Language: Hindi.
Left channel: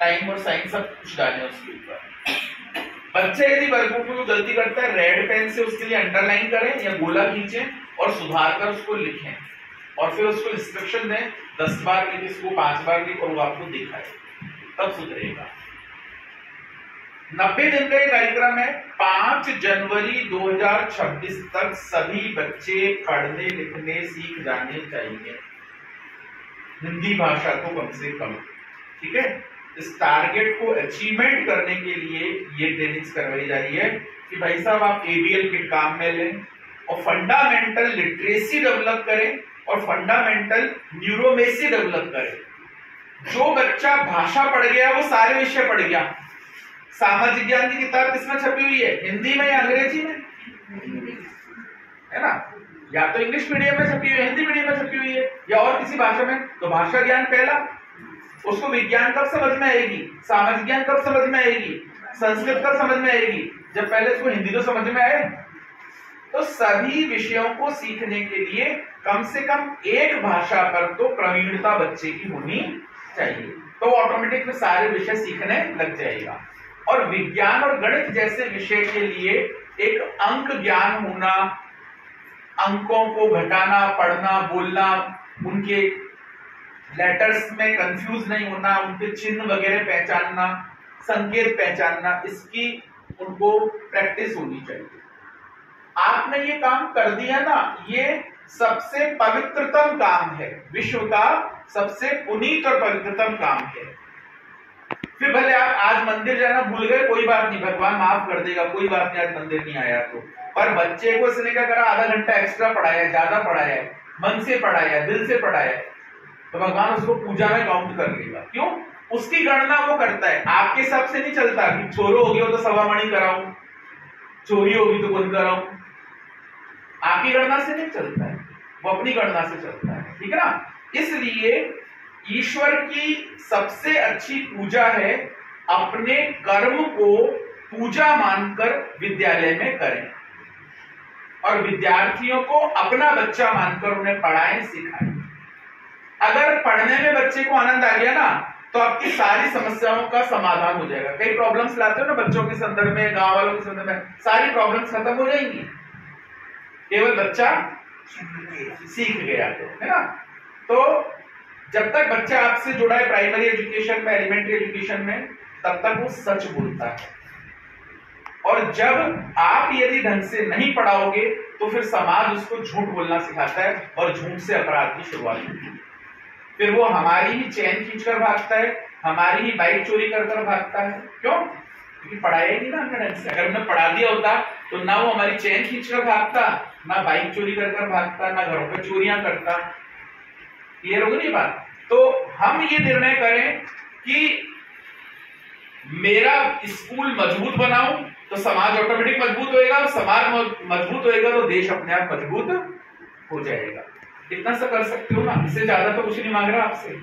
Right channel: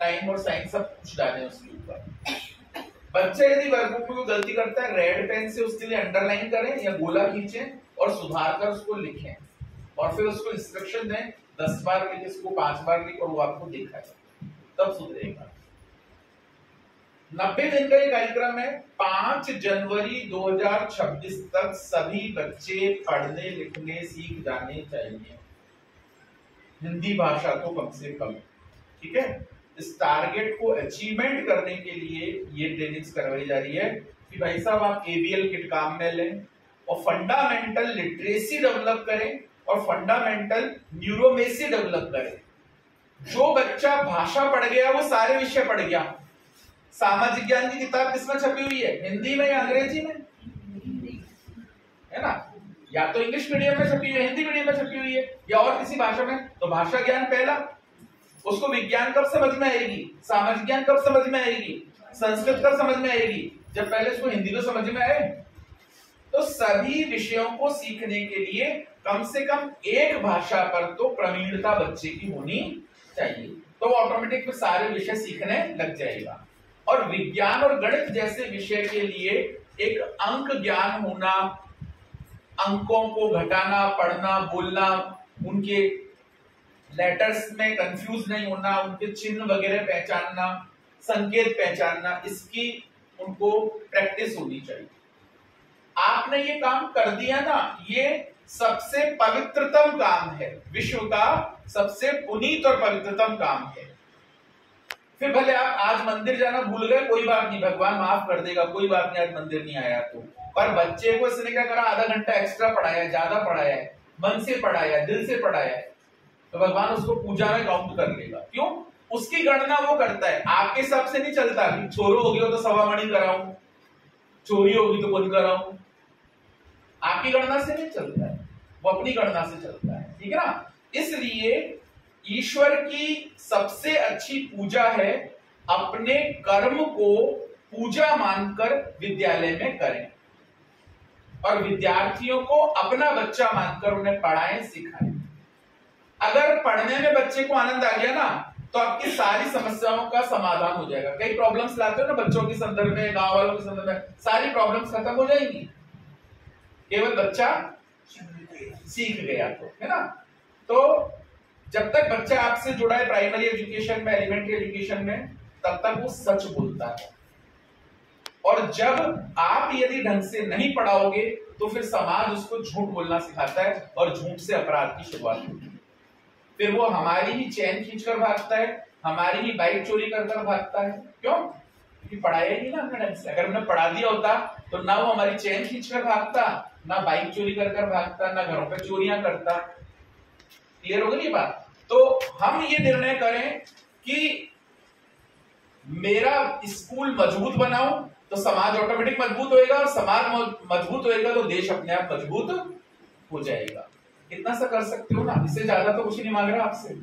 टाइम और साइन सब कुछ डालें उसके ऊपर। बच्चे यदि वर्कबुक में गलती करता है, रेड पेन से उसके लिए अंडरलाइन करें या गोला खींचें और सुधार कर उसको लिखें और फिर उसको इंस्ट्रक्शन दें 10 बार लिख, इसको 5 बार लिख और वो आपको दिखाए, तब सुधरेगा। 90 दिन का ये कार्यक्रम है। 5 जनवरी 2026 तक सभी बच्चे पढ़ने लिखने सीख जाने चाहिए, हिंदी भाषा को कम से कम। ठीक है, इस टारगेट को अचीवमेंट करने के लिए ये ट्रेनिंग्स करवाई जा रही है कि भाई साहब आप एबीएल किट काम में लें और फंडामेंटल लिटरेसी डेवलप करें और फंडामेंटल न्यूरोमेसी डेवलप करें। जो बच्चा भाषा पढ़ गया वो सारे विषय पढ़ गया। सामाजिक ज्ञान की किताब किसमें छपी हुई है, हिंदी में या अंग्रेजी में, है ना? या तो इंग्लिश मीडियम में छपी हुई है, हिंदी मीडियम में छपी हुई है, या और किसी भाषा में। तो भाषा ज्ञान पहला, उसको विज्ञान कब समझ में आएगी, सामाजिक ज्ञान कब समझ में आएगी, संस्कृत कब समझ में आएगी, जब पहले उसको हिंदी तो समझ में आए। तो सभी विषयों को सीखने के लिए कम से कम एक भाषा पर तो प्रवीणता बच्चे की होनी चाहिए, तो ऑटोमेटिक में सारे विषय सीखने लग जाएगा। और विज्ञान और गणित जैसे विषय के लिए एक अंक ज्ञान होना, अंकों को घटाना, पढ़ना, बोलना, उनके लेटर्स में कंफ्यूज नहीं होना, उनके चिन्ह वगैरह पहचानना, संकेत पहचानना, इसकी उनको प्रैक्टिस होनी चाहिए। आपने ये काम कर दिया ना, ये सबसे पवित्रतम काम है, विश्व का सबसे पुनीत और पवित्रतम काम है। फिर भले आप आज मंदिर जाना भूल गए, कोई बात नहीं, भगवान माफ कर देगा, कोई बात नहीं, आज मंदिर नहीं आया तो। पर बच्चे को इसने क्या करा, आधा घंटा एक्स्ट्रा पढ़ाया, ज्यादा पढ़ाया, मन से पढ़ाया, दिल से पढ़ाया, तो भगवान उसको पूजा में काउंट कर लेगा। क्यों? उसकी गणना वो करता है, आपके हिसाब से नहीं चलता कि छोरो हो गया तो सवा मणि कराऊं, चोरी होगी तो बंद कराऊं। आपकी गणना से नहीं चलता है, वो अपनी गणना से चलता है। ठीक है ना? इसलिए ईश्वर की सबसे अच्छी पूजा है अपने कर्म को पूजा मानकर विद्यालय में करें और विद्यार्थियों को अपना बच्चा मानकर उन्हें पढ़ाएं, सिखाएं। अगर पढ़ने में बच्चे को आनंद आ गया ना, तो आपकी सारी समस्याओं का समाधान हो जाएगा। कई प्रॉब्लम्स लाते हो ना बच्चों के संदर्भ में, गांव वालों के संदर्भ में, सारी प्रॉब्लम्स खत्म हो जाएंगी, केवल बच्चा सीख गया तो, है ना? तो जब तक बच्चा आपसे जुड़ा है प्राइमरी एजुकेशन में, एलिमेंट्री एजुकेशन में, तब तक वो सच बोलता है। और जब आप यदि ढंग से नहीं पढ़ाओगे तो फिर समाज उसको झूठ बोलना सिखाता है और झूठ से अपराध की शुरुआत होती है। फिर वो हमारी ही चैन खींचकर भागता है, हमारी ही बाइक चोरी कर भागता है। क्यों? क्योंकि पढ़ाया ही नहीं ना हमने ढंग से। अगर हमने पढ़ा दिया होता तो ना वो हमारी चैन खींचकर भागता, ना बाइक चोरी कर भागता, ना घरों पर चोरियां करता। क्लियर होगी ये बात? तो हम ये निर्णय करें कि मेरा स्कूल मजबूत बनाऊं तो समाज ऑटोमेटिक मजबूत होएगा, समाज मजबूत होएगा तो देश अपने आप मजबूत हो जाएगा। इतना सा कर सकते हो ना, इससे ज्यादा तो कुछ नहीं मांग रहा आपसे।